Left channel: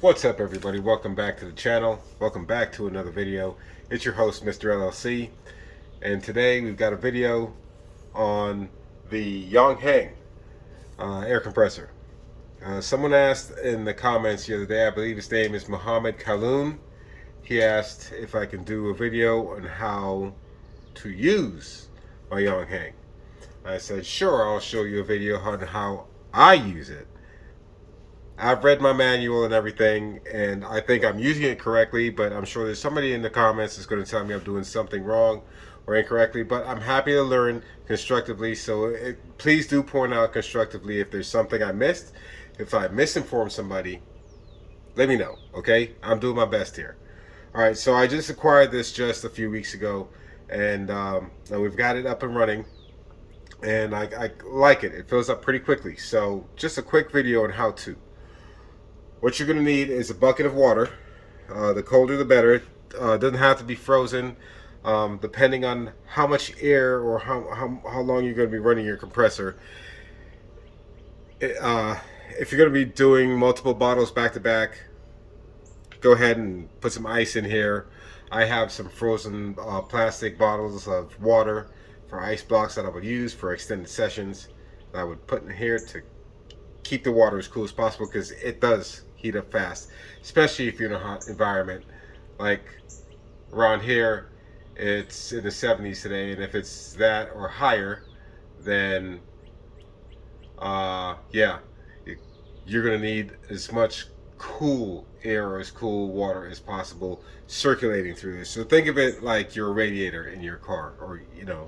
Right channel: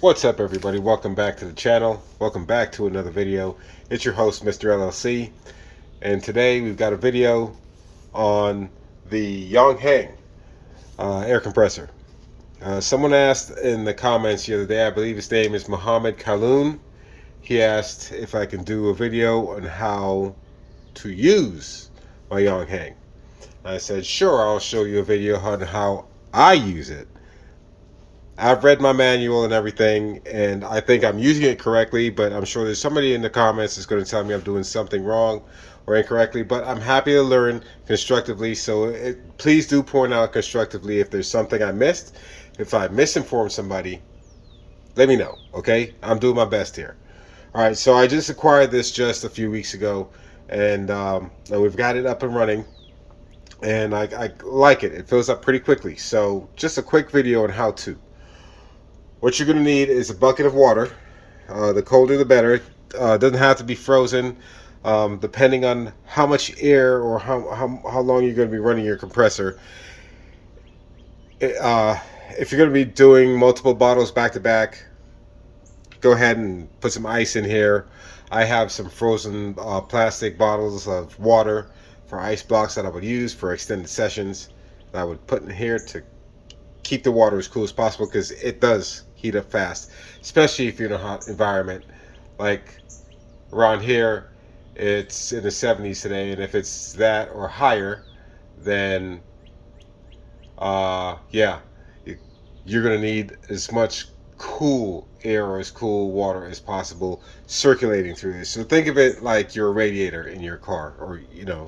What's up, everybody? Welcome back to the channel. Welcome back to another video. It's your host, Mr. LLC, and today we've got a video on the Yong Heng air compressor. Someone asked in the comments the other day, I believe his name is Muhammad Kaloon. He asked if I can do a video on how to use my Yong Heng. I said, sure, I'll show you a video on how I use it. I've read my manual and everything, and I think I'm using it correctly, but I'm sure there's somebody in the comments that's going to tell me I'm doing something wrong or incorrectly, but I'm happy to learn constructively, so please do point out constructively if there's something I missed. If I misinformed somebody, let me know, okay? I'm doing my best here. All right, so I just acquired this just a few weeks ago, and we've got it up and running, and I like it. It fills up pretty quickly, so just a quick video on how to. What you're going to need is a bucket of water. The colder the better. It doesn't have to be frozen, depending on how much air or how long you're going to be running your compressor. If you're going to be doing multiple bottles back to back, go ahead and put some ice in here. I have some frozen plastic bottles of water for ice blocks that I would use for extended sessions that I would put in here to keep the water as cool as possible, because it does heat up fast, especially if you're in a hot environment. Like around here, it's in the 70s today, and if it's that or higher, then yeah, you're gonna need as much cool air or as cool water as possible circulating through this. So think of it like your radiator in your car, or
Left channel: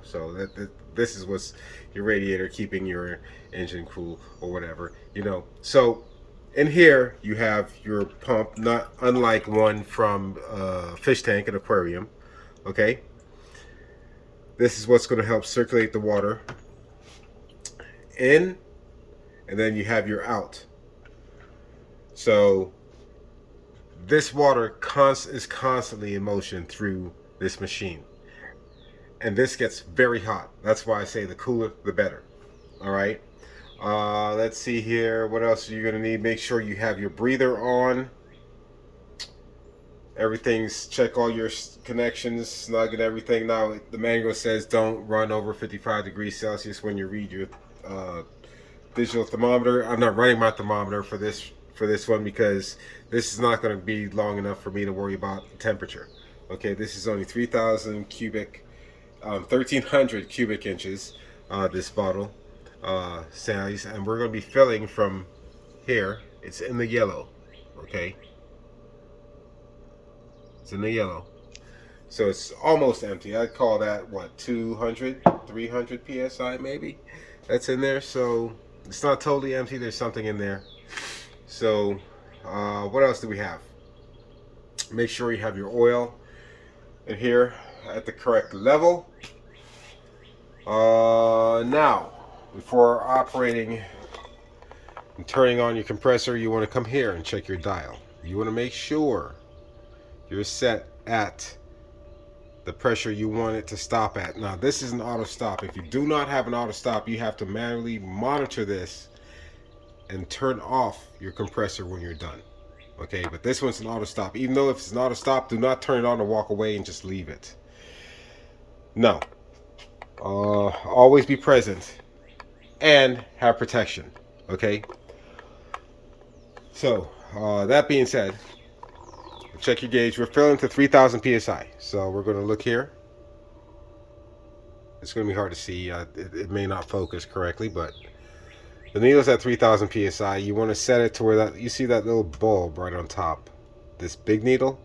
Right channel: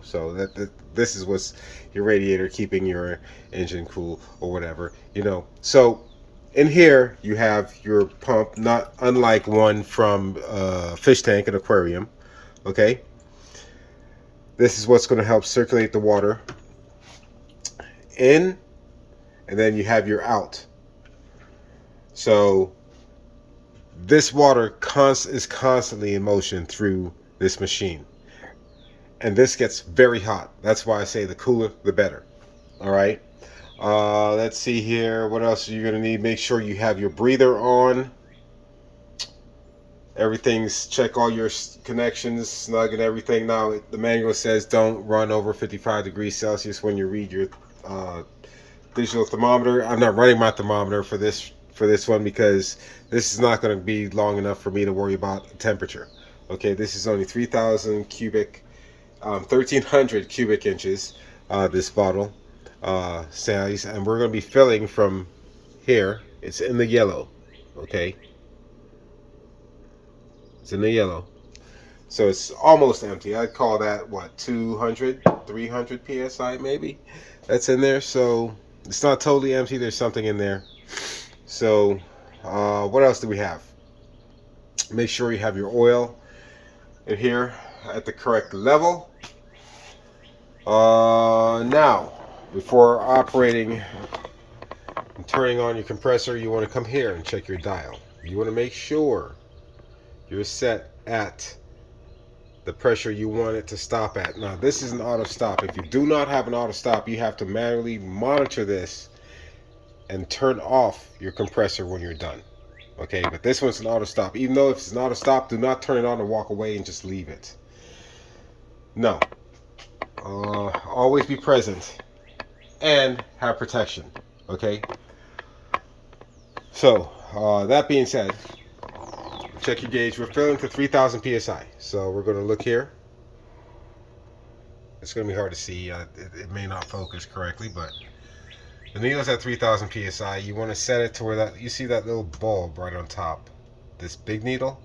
so that this is what's your radiator keeping your engine cool or whatever, so in here you have your pump, not unlike one from fish tank and aquarium. Okay, this is what's going to help circulate the water in, and then you have your out. So this water is constantly in motion through this machine, and this gets very hot. That's why I say the cooler the better. All right, let's see here. What else are you gonna need? Make sure you have your breather on. Everything's, check all your connections, snug and everything. Now the manual says don't run over 55 degrees Celsius when you read your digital thermometer. I'm not running my thermometer for this one, because this is not going to be long enough for me to worry about the temperature. Okay, this is only 1,300 cubic inches, this bottle size, and we're going to be filling from here. It's in the yellow. Okay, it's in the yellow, so it's almost empty. I'd call that what, 200 300 psi maybe that's in there. So it's not totally empty. There's something in there. So what else do we have? Make sure you have your oil in here at the correct level. Now, before operating and turning on your compressor, you want to come here and check your dial. You want to make sure you're set at the pressure you want it to stop at. Now, this is an auto stop. If you do not have an auto stop, you have to manually monitor this and turn off your compressor when you're done. Okay, but this one's an auto stop. Even though if it's an auto stop, do not turn it on and walk away and just leave it. No. Always be present and have protection. Okay, so that being said, check your gauge. We're filling to 3,000 psi. So we're going to look here. It's going to be hard to see. It may not focus correctly, but the needle's at 3,000 psi. You want to set it to where you see that little bulb right on top. This big needle,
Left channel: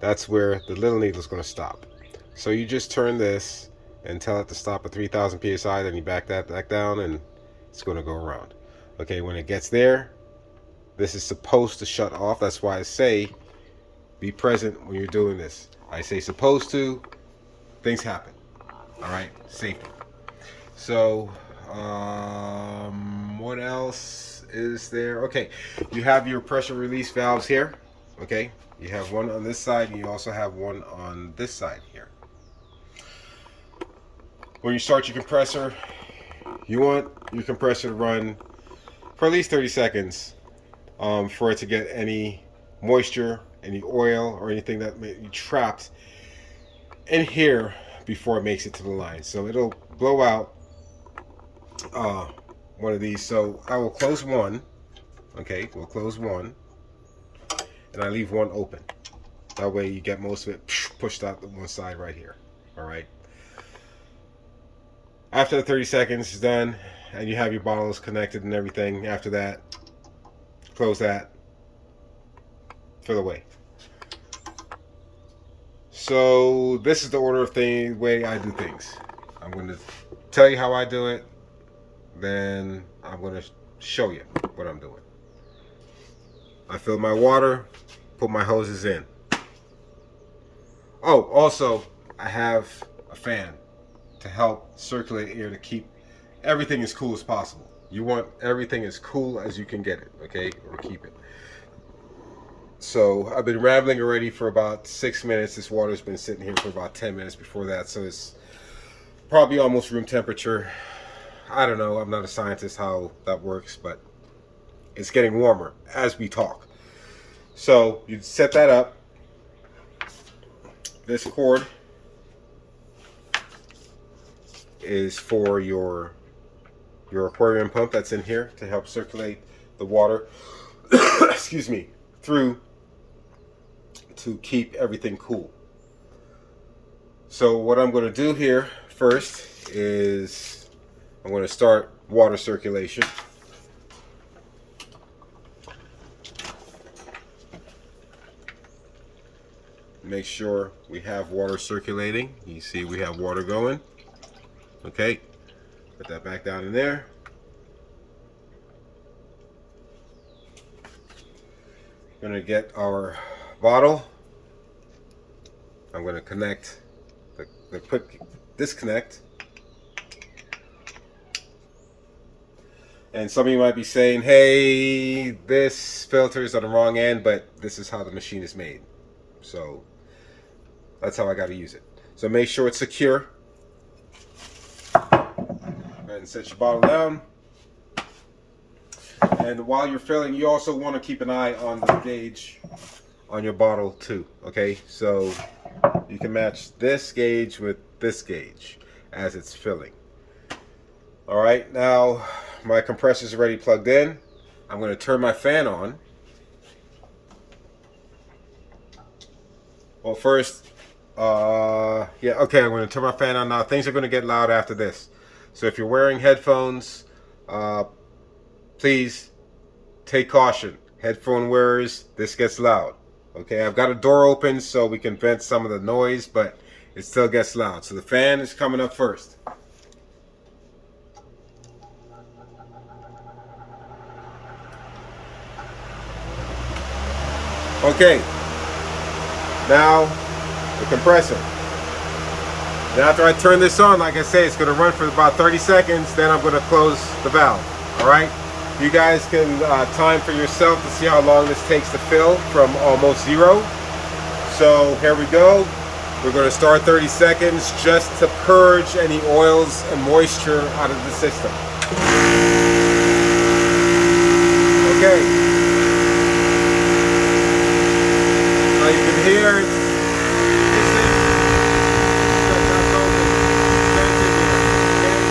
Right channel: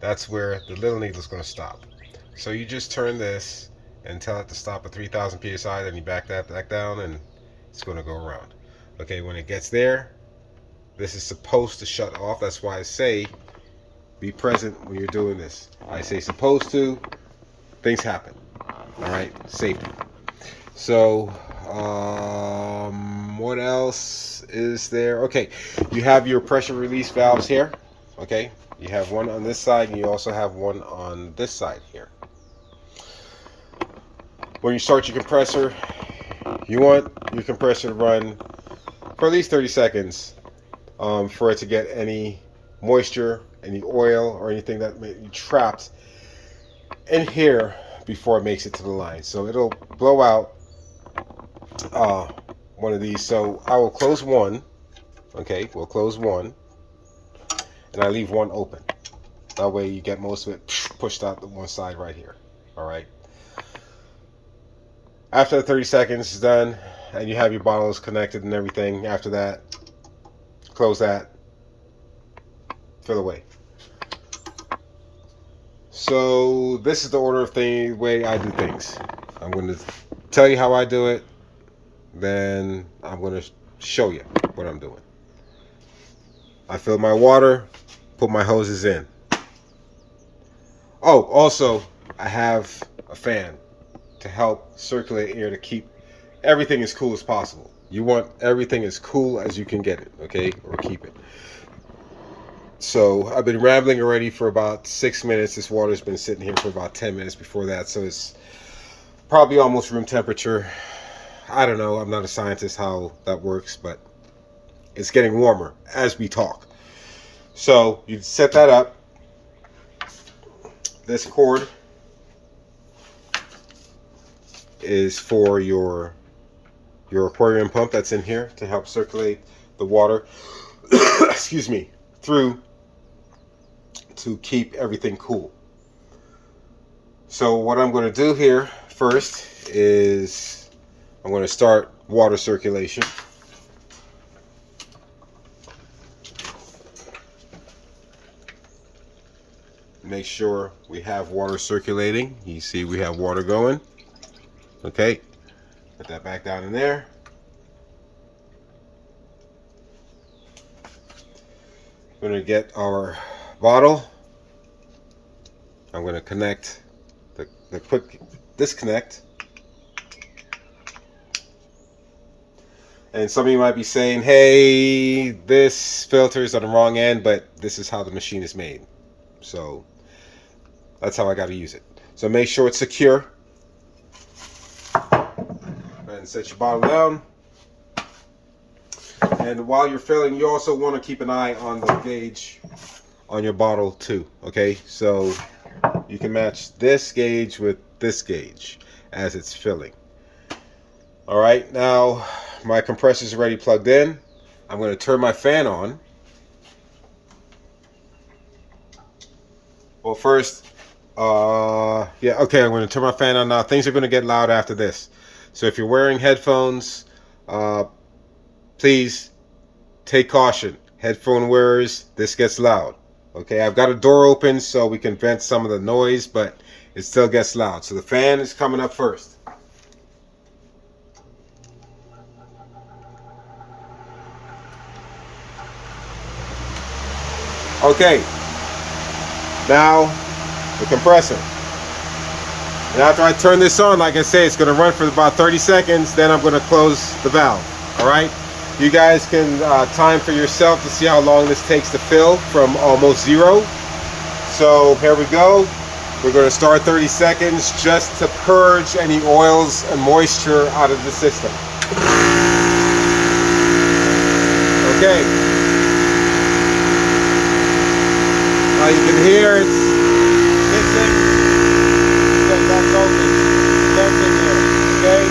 that's where the little needle is going to stop. So you just turn this and tell it to stop at 3,000 psi. Then you back that back down, and it's going to go around. Okay, when it gets there, this is supposed to shut off. That's why I say be present when you're doing this. I say supposed to. Things happen. All right, safety. So what else is there? Okay, you have your pressure release valves here. Okay, you have one on this side, and you also have one on this side here. When you start your compressor, you want your compressor to run for at least 30 seconds for it to get any moisture, any oil, or anything that may be trapped in here before it makes it to the line. So it'll blow out one of these. So I will close one. Okay, we'll close one, and I leave one open. That way you get most of it pushed out to one side right here. All right. After the 30 seconds is done, and you have your bottles connected and everything, after that, close that, fill away. So this is the order of the way I do things. I'm going to tell you how I do it, then I'm going to show you what I'm doing. I fill my water, put my hoses in. Oh, also, I have a fan to help circulate air to keep everything as cool as possible. You want everything as cool as you can get it, okay? Or keep it. So I've been rambling already for about 6 minutes. This water's been sitting here for about 10 minutes before that, so it's probably almost room temperature. I don't know, I'm not a scientist how that works, but it's getting warmer as we talk. So you set that up. This cord is for your aquarium pump that's in here to help circulate the water excuse me, through to keep everything cool. So what I'm going to do here first is I'm going to start water circulation. Make sure we have water circulating. You see we have water going. Okay, put that back down in there. We're going to get our bottle. I'm going to connect the quick disconnect. And some of you might be saying, hey, this filter is on the wrong end, but this is how the machine is made. So that's how I got to use it. So make sure it's secure. And set your bottle down. And while you're filling, you also want to keep an eye on the gauge on your bottle too. Okay, so you can match this gauge with this gauge as it's filling. All right, now my compressor is already plugged in. I'm going to turn my fan on. Well, first, I'm going to turn my fan on now. Things are going to get loud after this. So if you're wearing headphones, please take caution. Headphone wearers, this gets loud. Okay, I've got a door open so we can vent some of the noise, but it still gets loud. So the fan is coming up first. Okay, now the compressor. And after I turn this on, like I say, it's going to run for about 30 seconds. Then I'm going to close the valve. All right. You guys can time for yourself to see how long this takes to fill from almost zero. So here we go. We're going to start 30 seconds just to purge any oils and moisture out of the system. Okay. As you can hear, it's hissing. That's open. Venting here. Okay.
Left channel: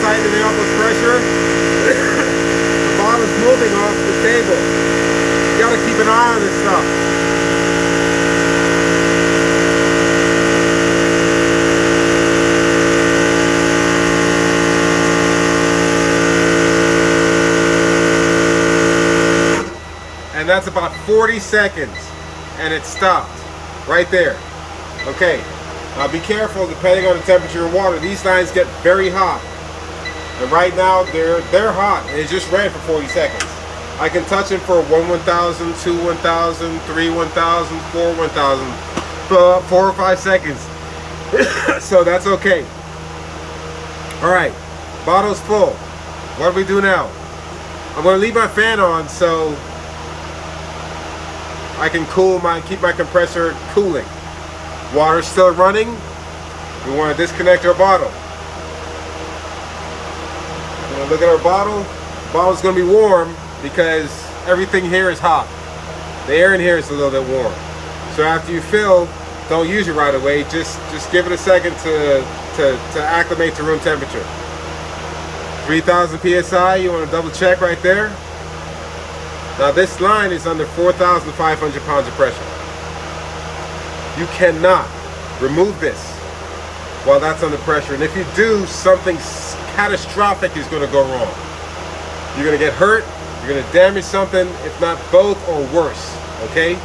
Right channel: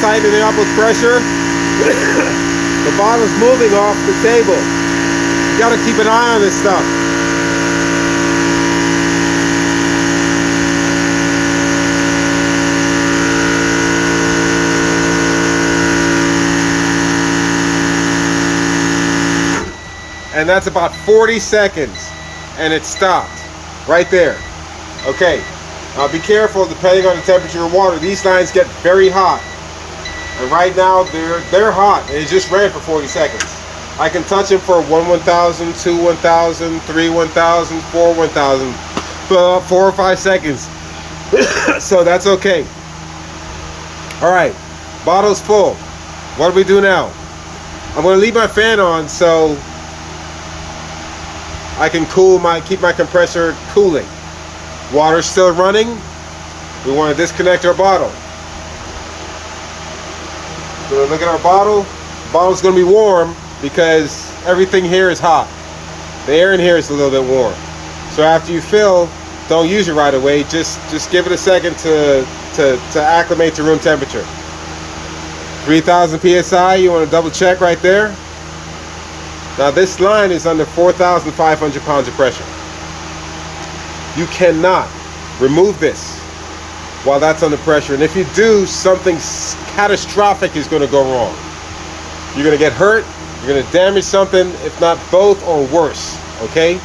Tightening up with pressure. The ball is moving off the table. You got to keep an eye on this stuff. that's about 40 seconds, and it stopped right there. Okay, be careful depending on the temperature of water. These lines get very hot, and right now they're hot, and it just ran for 40 seconds. I can touch them for 1,000, 2 1,000, 3 1,000, 4 1,000, 4 or 5 seconds. So that's okay. All right, bottle's full. What do we do now? I'm going to leave my fan on so I can keep my compressor cooling. Water's still running. We want to disconnect our bottle. We're going to look at our bottle. The bottle's going to be warm because everything here is hot. The air in here is a little bit warm. So after you fill, don't use it right away. Just give it a second to acclimate to room temperature. 3,000 psi. You want to double check right there. Now this line is under 4,500 pounds of pressure. You cannot remove this while that's under pressure, and if you do, something catastrophic is going to go wrong. You're going to get hurt, you're going to damage something, if not both or worse. Okay?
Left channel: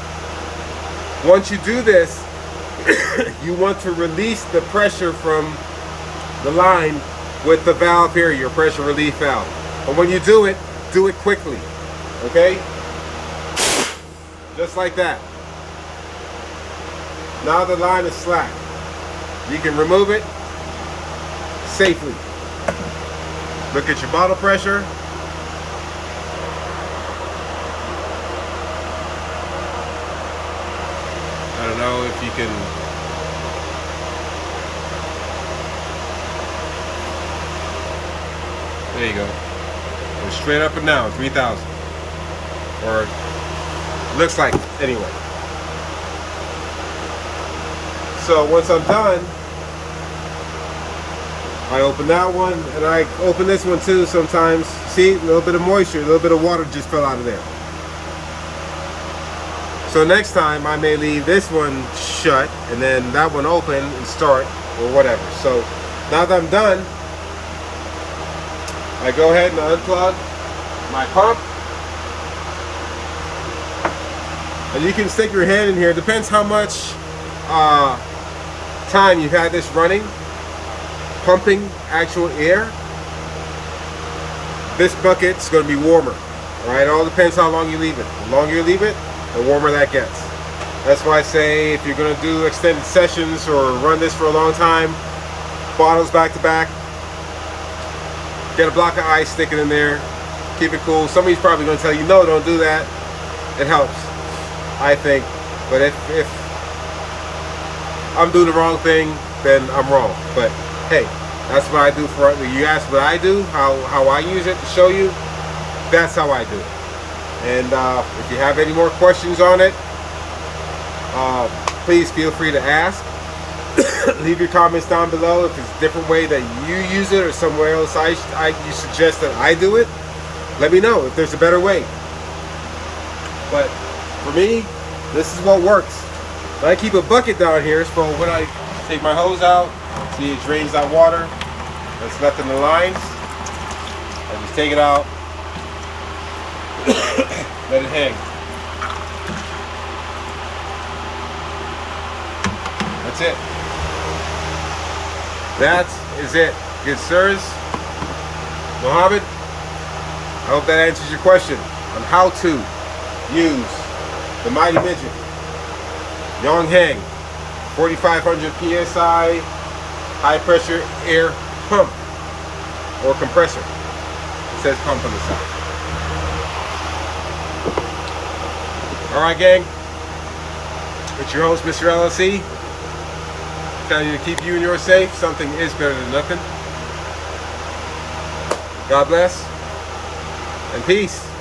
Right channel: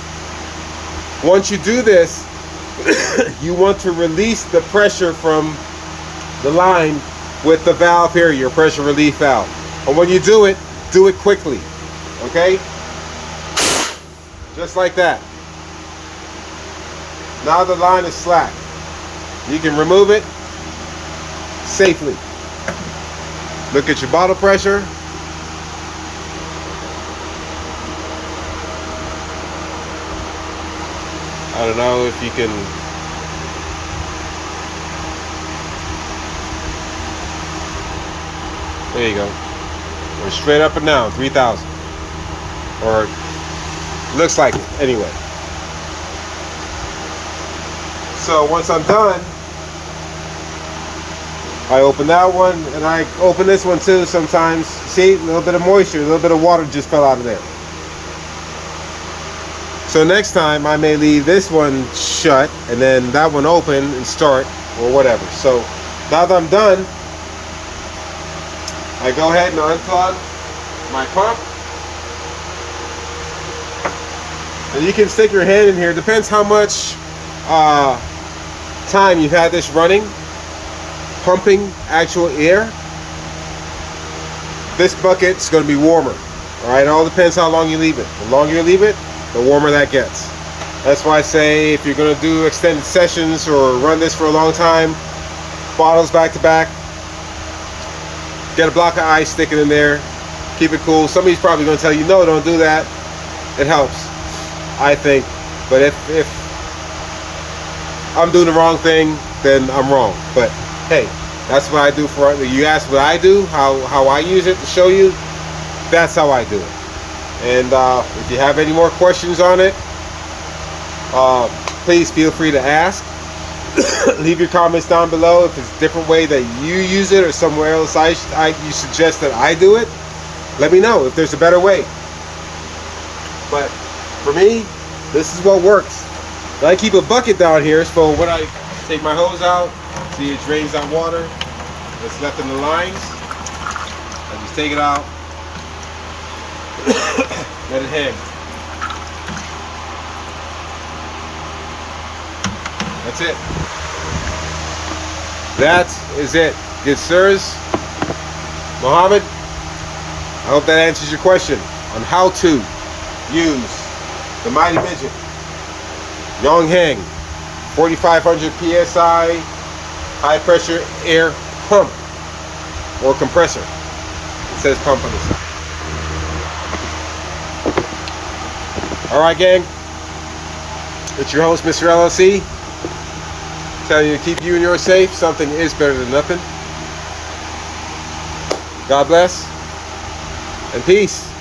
Once you do this, you want to release the pressure from the line with the valve here, your pressure relief valve. And when you do it quickly. Okay? Just like that. Now the line is slack. You can remove it safely. Look at your bottle pressure. I don't know if you can. There you go. We're straight up and down, 3,000. Or looks like it, anyway. So once I'm done, I open that one, and I open this one too sometimes. See, a little bit of moisture, a little bit of water just fell out of there. So next time I may leave this one shut and then that one open and start, or whatever. So now that I'm done, I go ahead and unplug my pump. And you can stick your hand in here. Depends how much time you've had this running, pumping actual air. This bucket's going to be warmer. All right, it all depends how long you leave it. The longer you leave it, the warmer that gets. That's why I say if you're going to do extended sessions or run this for a long time, bottles back to back, get a block of ice, stick it in there, keep it cool. Somebody's probably going to tell you, no, don't do that. It helps, I think. But if I'm doing the wrong thing, then I'm wrong. But hey, that's what I do for right now. You ask what I do, how I use it to show you, that's how I do it. And if you have any more questions on it, please feel free to ask. Leave your comments down below if it's a different way that you use it or somewhere else you suggest that I do it. Let me know if there's a better way. But for me, this is what works. I keep a bucket down here, so when I take my hose out, see it drains that water that's left in the lines. I just take it out, let it hang. That's it. That is it. Good sirs. Mohammed, I hope that answers your question on how to use the Mighty Midget Yong Heng 4,500 psi high pressure air pump or compressor. It says pump on the side. Alright gang, it's your host Mr. LLC, telling you to keep you and yours safe. Something is better than nothing. God bless and peace.